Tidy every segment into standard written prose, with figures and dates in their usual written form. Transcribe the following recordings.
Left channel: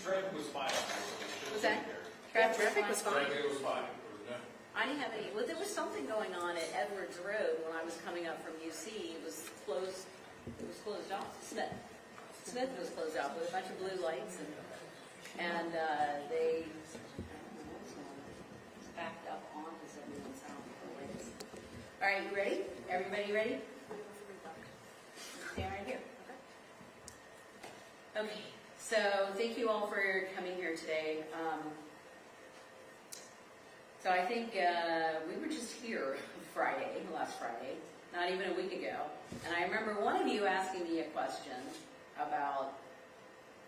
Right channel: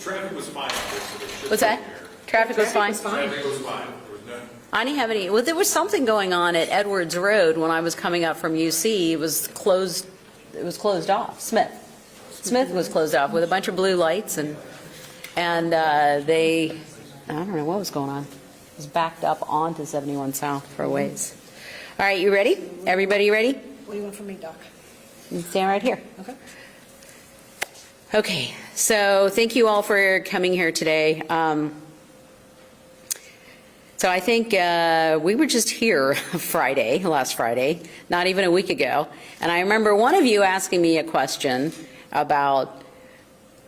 Traffic was fine. What's that? Traffic was fine? Traffic was fine. There was no. I didn't have any, well, there was something going on at Edwards Road when I was coming up from UC. It was closed off. Smith was closed off with a bunch of blue lights, and they, I don't know what was going on. It was backed up onto 71 South for a ways. All right, you ready? Everybody ready? What do you want from me, Doc? You stand right here. Okay. Okay, so thank you all for coming here today. So I think we were just here last Friday, not even a week ago, and I remember one of you asking me a question about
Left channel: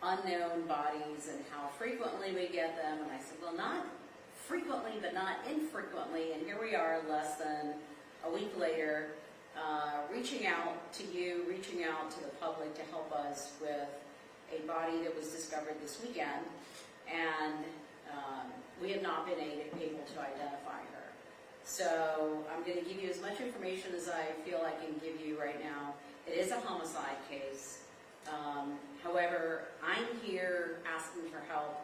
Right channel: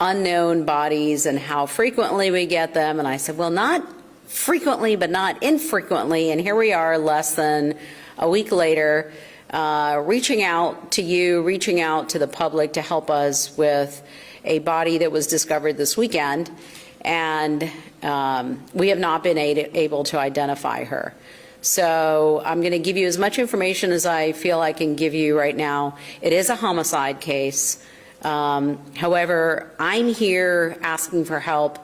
unknown bodies and how frequently we get them, and I said, well, not frequently, but not infrequently, and here we are less than a week later, reaching out to you, reaching out to the public to help us with a body that was discovered this weekend, and we have not been able to identify her. So I'm going to give you as much information as I feel I can give you right now. It is a homicide case. However, I'm here asking for help,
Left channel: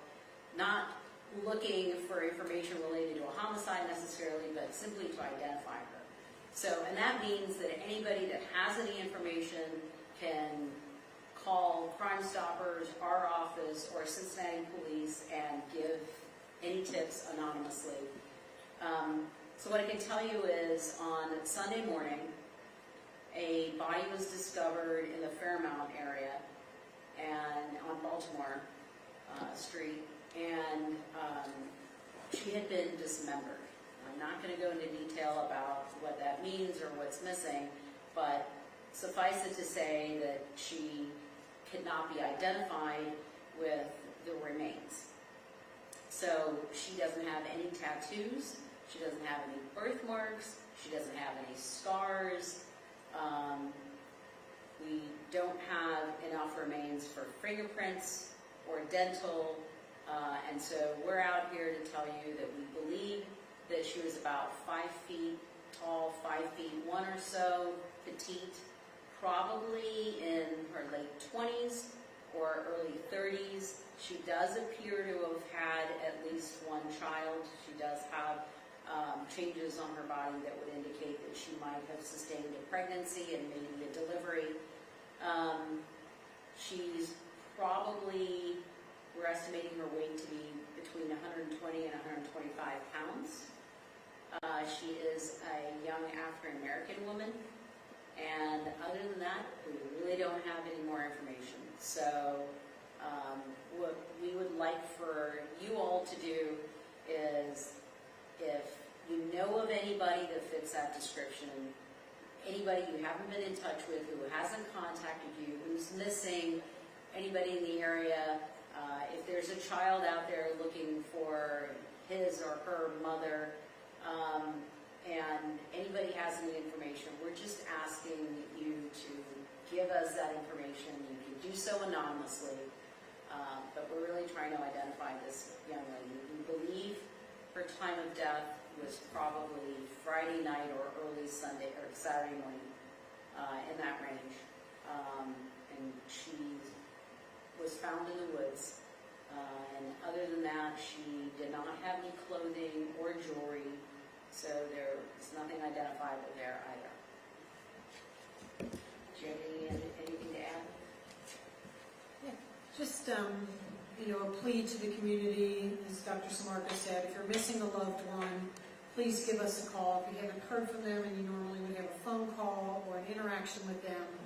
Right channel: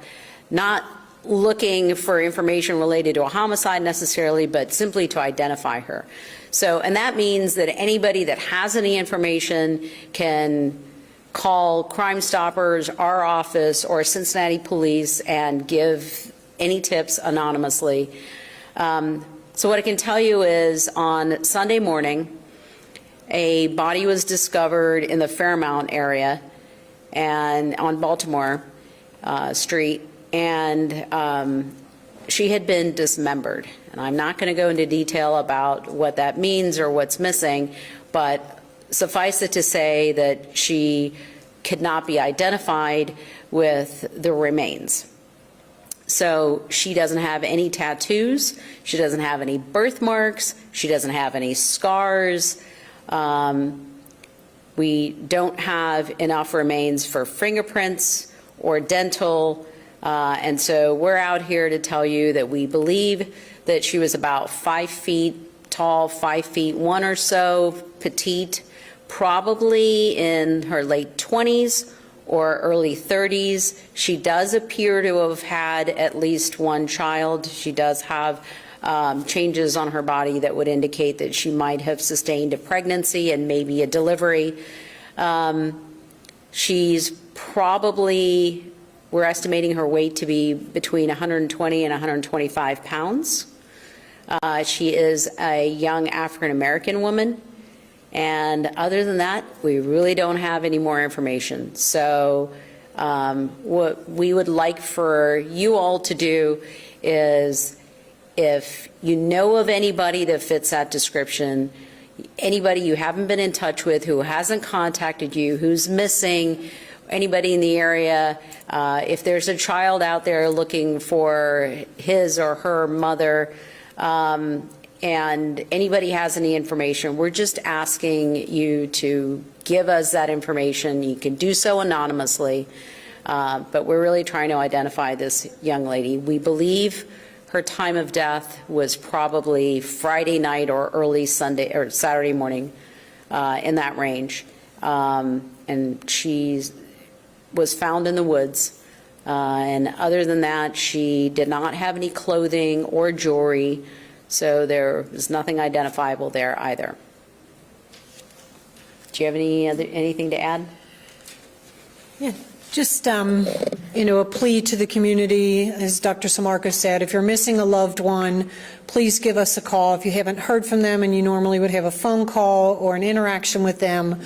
not looking for information related to a homicide necessarily, but simply to identify her. So, and that means that anybody that has any information can call Crime Stoppers, our office, or Cincinnati Police and give any tips anonymously. So what I can tell you is on Sunday morning, a body was discovered in the Fairmount area and on Baltimore Street, and she had been dismembered. And I'm not going to go into detail about what that means or what's missing, but suffice it to say that she could not be identified with the remains. So she doesn't have any tattoos, she doesn't have any birthmarks, she doesn't have any scars. We don't have enough remains for fingerprints or dental, and so we're out here to tell you that we believe that she was about 5 feet tall, 5'1" or so, petite, probably in her late 20s or early 30s. She does appear to have had at least one child. She does have changes on her body that would indicate that she might have sustained a pregnancy and maybe a delivery. She's probably, we're estimating her weight to be between 120 and 125 pounds. She is a young African-American woman. And other than that, we really don't have any more information. So what we would like for you all to do is, if you know of anybody that fits that description, anybody you haven't been in touch with, who hasn't contacted you, who's missing, anybody in the area, if there's a child out there looking for his or her mother, and anybody has any information, we're just asking you to give us that information. You can do so anonymously, but we're really trying to identify this young lady. We believe her time of death was probably Friday night or early Sunday or Saturday morning, in that range. And she was found in the woods. And other than that, she did not have any clothing or jewelry. So there was nothing identifiable there either. Do you have anything to add? Yeah, just, you know, a plea to the community, as Dr. Samarco said, if you're missing a loved one, please give us a call. If you haven't heard from them and you normally would have a phone call or an interaction with them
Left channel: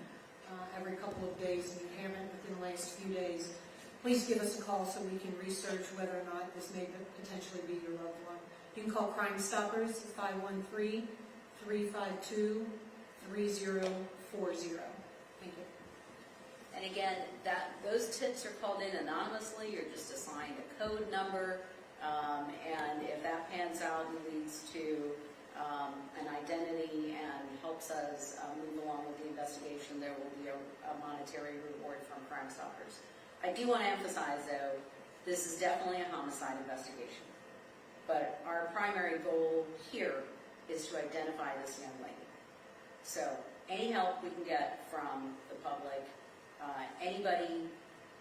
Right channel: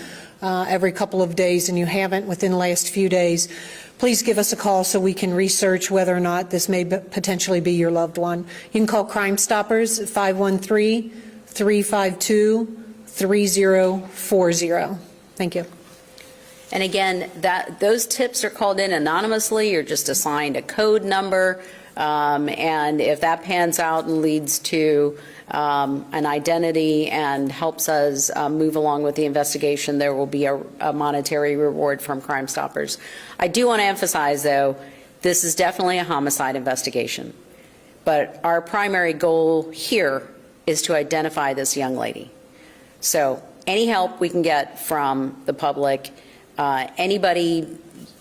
every couple of days and you haven't within the last few days, please give us a call so we can research whether or not this may potentially be your loved one. You can call Crime Stoppers at 513-352-3040. Thank you. And again, those tips are called in anonymously. You're just assigned a code number, and if that pans out and leads to an identity and helps us move along with the investigation, there will be a monetary reward from Crime Stoppers. I do want to emphasize, though, this is definitely a homicide investigation, but our primary goal here is to identify this young lady. So any help we can get from the public, anybody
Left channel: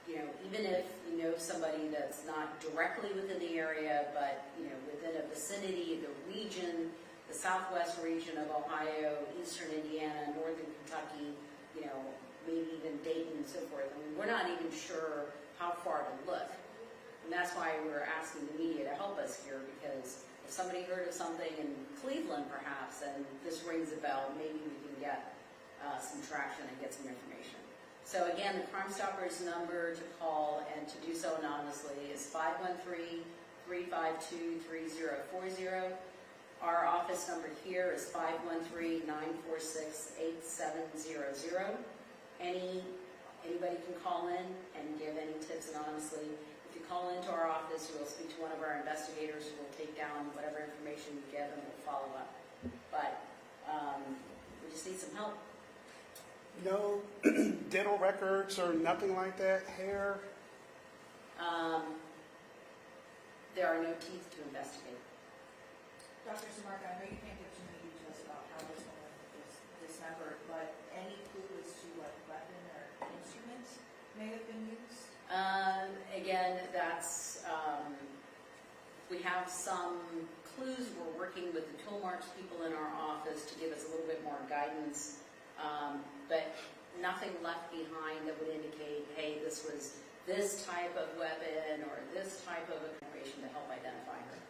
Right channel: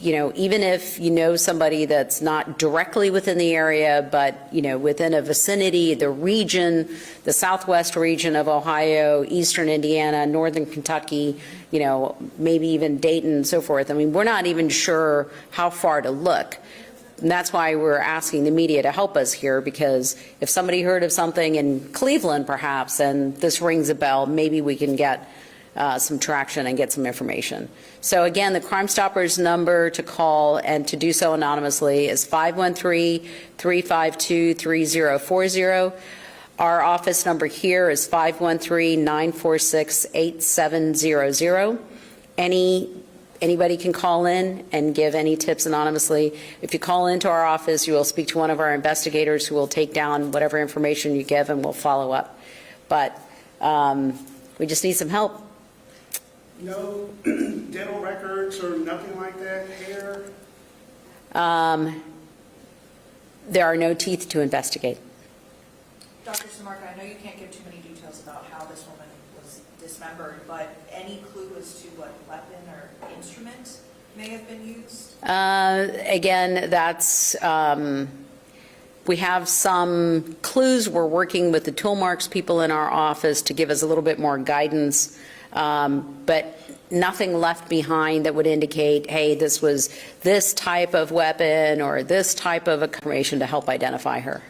you know, even if you know somebody that's not directly within the area, but, you know, within a vicinity, the region, the southwest region of Ohio, eastern Indiana, northern Kentucky, you know, maybe even Dayton and so forth. I mean, we're not even sure how far to look. And that's why we're asking the media to help us here, because if somebody heard of something in Cleveland perhaps, and this rings a bell, maybe we can get some traction and get some information. So again, the Crime Stoppers number to call and to do so anonymously is 513-352-3040. Our office number here is 513-946-8700. Anybody can call in and give any tips anonymously. If you call into our office, you will speak to one of our investigators who will take down whatever information you give and we'll follow up. But we just need some help. No dental records or nothing like that, hair? There are no teeth to investigate. Dr. Samarka, I know you can't give too many details about how this woman was dismembered, but any clue as to what weapon or instrument may have been used? Again, that's, we have some clues. We're working with the tool marks people in our office to give us a little bit more guidance, but nothing left behind that would indicate, hey, this was this type of weapon or this type of information to help identify her.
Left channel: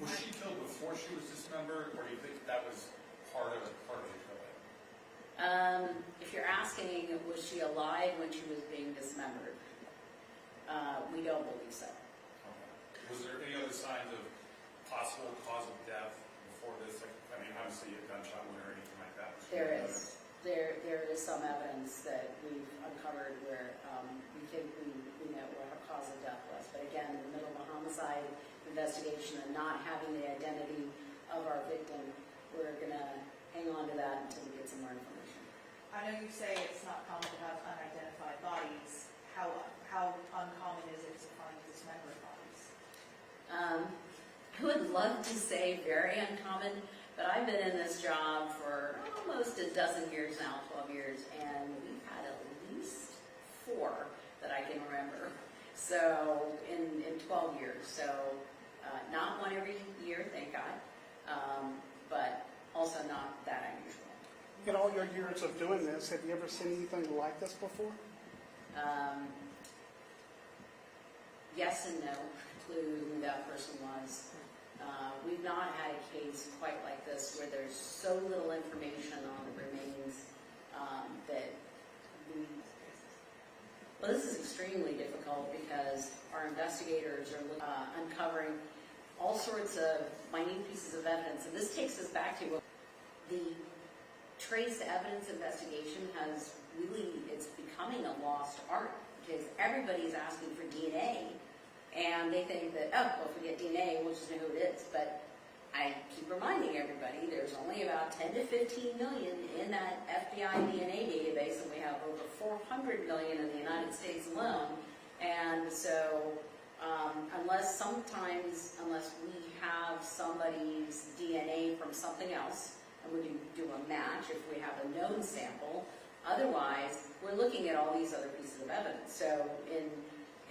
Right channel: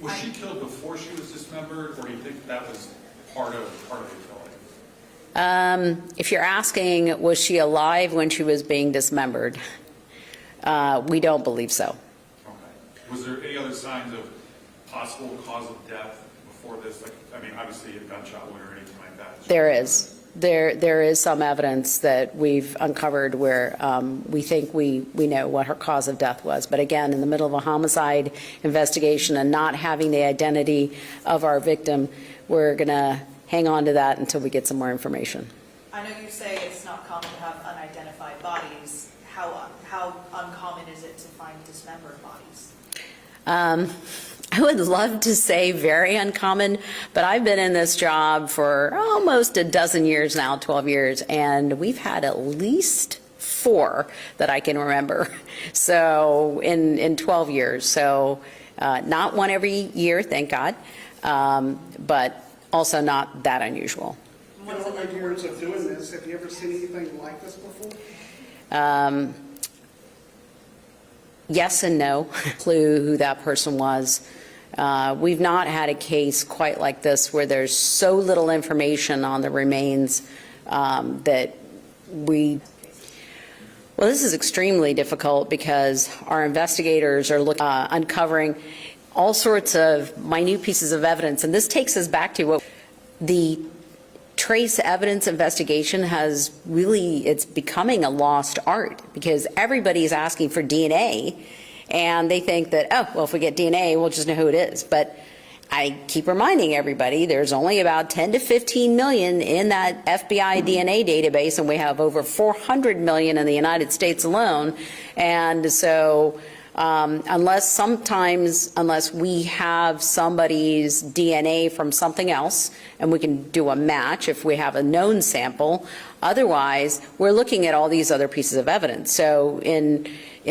Was she killed before she was dismembered, or do you think that was part of the killing? If you're asking, was she alive when she was being dismembered? We don't believe so. Okay. Was there any other signs of possible cause of death before this? Like, I mean, obviously a gunshot wound or anything like that. There is. There is some evidence that we've uncovered where we think we know what her cause of death was. But again, in the middle of a homicide investigation and not having the identity of our victim, we're going to hang on to that until we get some more information. I know you say it's not common to have unidentified bodies. How uncommon is it to find dismembered bodies? I would love to say very uncommon, but I've been in this job for almost a dozen years now, 12 years, and we've had at least 4 that I can remember. So in 12 years. So not one every year, thank God, but also not that unusual. In all the years of doing this, have you ever seen anything like this before? Yes and no. Clue who that person was. We've not had a case quite like this where there's so little information on the remains that we. Well, this is extremely difficult because our investigators are uncovering all sorts of minute pieces of evidence, and this takes us back to what the trace evidence investigation has really, it's becoming a lost art because everybody's asking for DNA and they think that, oh, well, if we get DNA, we'll just know who it is. But I keep reminding everybody there's only about 10 to 15 million in that FBI DNA database, and we have over 400 million in the United States alone. And so unless we have somebody's DNA from something else, and we can do a match if we have a known sample, otherwise we're looking at all these other pieces of evidence. So in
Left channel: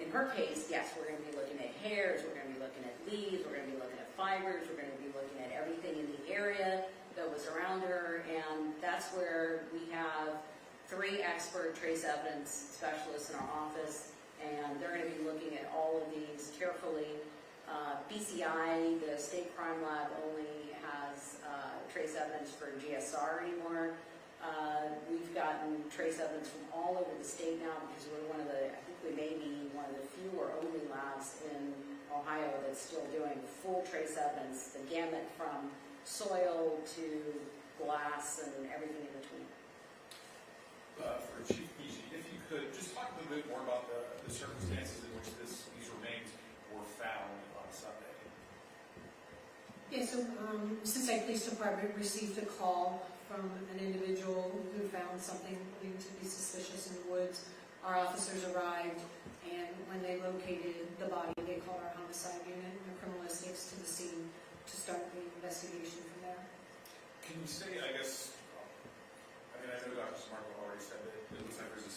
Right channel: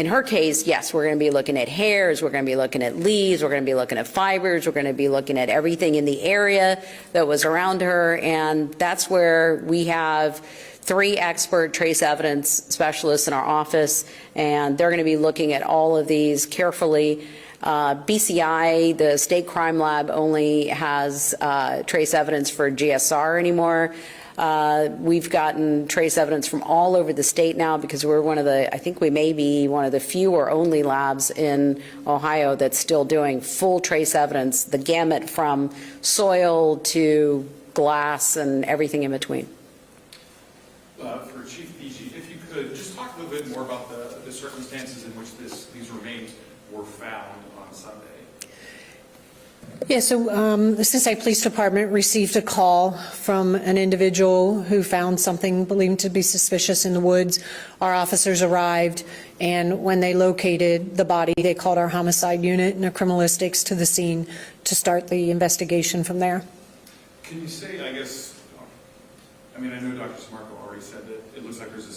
her case, yes, we're going to be looking at hairs, we're going to be looking at leaves, we're going to be looking at fibers, we're going to be looking at everything in the area that was around her, and that's where we have 3 expert trace evidence specialists in our office, and they're going to be looking at all of these carefully. BCI, the state crime lab, only has trace evidence for GSR anymore. We've gotten trace evidence from all over the state now because we're one of the, I think we may be one of the few or only labs in Ohio that's still doing full trace evidence, the gamut from soil to glass and everything in between. For Chief BG, if you could just talk a little bit more about the circumstances in which these remains were found on Sunday. Yeah, so the Cincinnati Police Department received a call from an individual who found something believed to be suspicious in the woods. Our officers arrived, and when they located the body, they called our homicide unit and criminalistics to the scene to start the investigation from there. Can you say, I guess, I mean, I know Dr. Samarco already said that it looks like there's a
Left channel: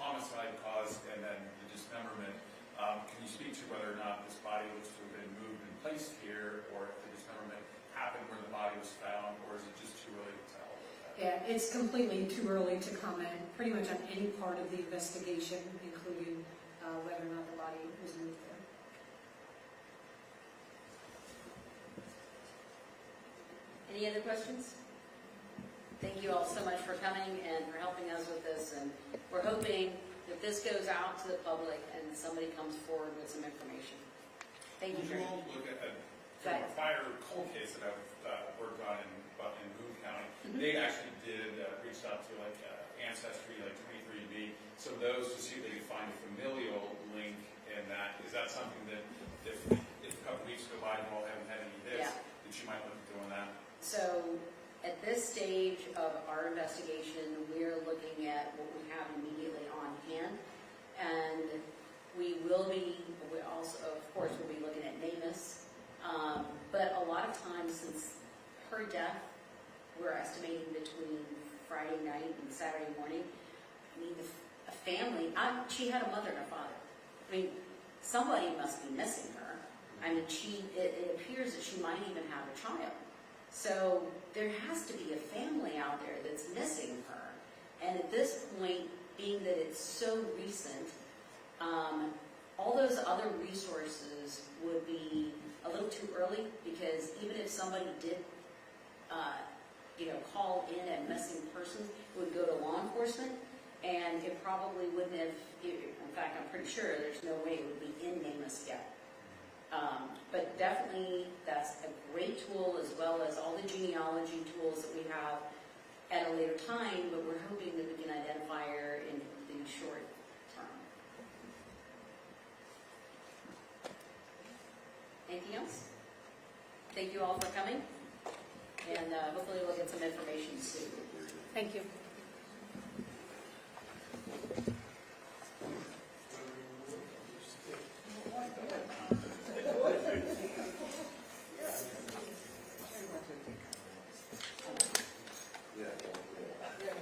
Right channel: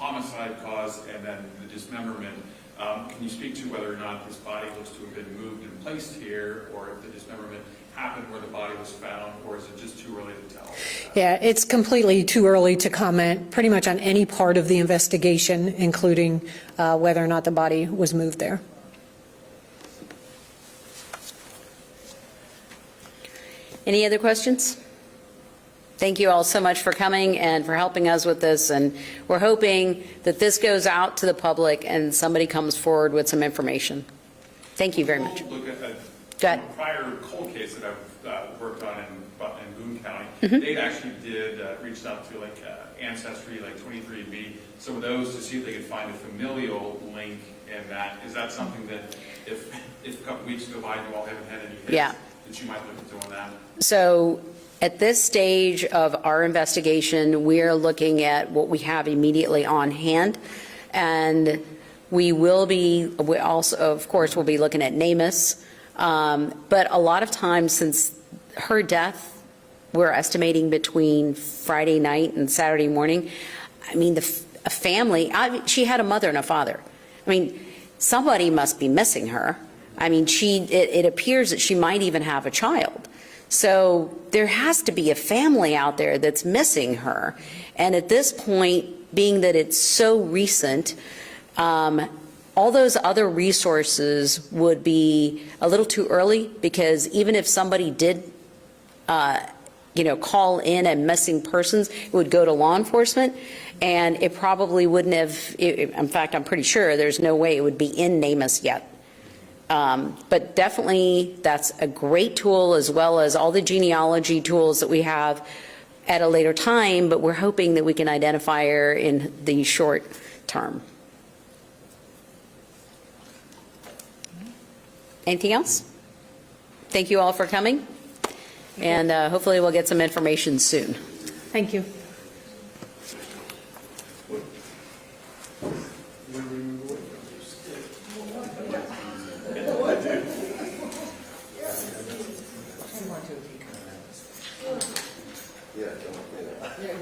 homicide cause and then the dismemberment. Can you speak to whether or not this body looks to have been moved and placed here, or if the dismemberment happened where the body was found, or is it just too early to tell? Yeah, it's completely too early to comment pretty much on any part of the investigation, including whether or not the body was moved there. Any other questions? Thank you all so much for coming and for helping us with this, and we're hoping that this goes out to the public and somebody comes forward with some information. Thank you very much. We'll look at Go ahead. a prior cold case that I've worked on in Boone County. They actually reached out to like Ancestry, like 23andMe, some of those to see if they could find a familial link in that. Is that something that if a couple weeks go by and you all haven't had any hits, Yeah. that you might look at doing that? So at this stage of our investigation, we're looking at what we have immediately on hand. And we also, of course, will be looking at NamUs. But a lot of times since her death, we're estimating between Friday night and Saturday morning. I mean, a family, she had a mother and a father. I mean, somebody must be missing her. I mean, it appears that she might even have a child. So there has to be a family out there that's missing her. And at this point, being that it's so recent, all those other resources would be a little too early, because even if somebody did, call in a missing persons, it would go to law enforcement, and it probably wouldn't have, in fact, I'm pretty sure there's no way it would be in NamUs yet. But definitely, that's a great tool, as well as all the genealogy tools that we have at a later time, but we're hoping that we can identify her in the short term. Anything else? Thank you all for coming, and hopefully we'll get some information soon. Thank you.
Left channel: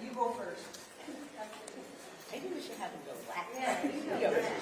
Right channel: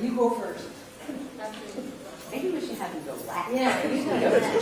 You go first. Maybe we should have you go last. Yeah, you go.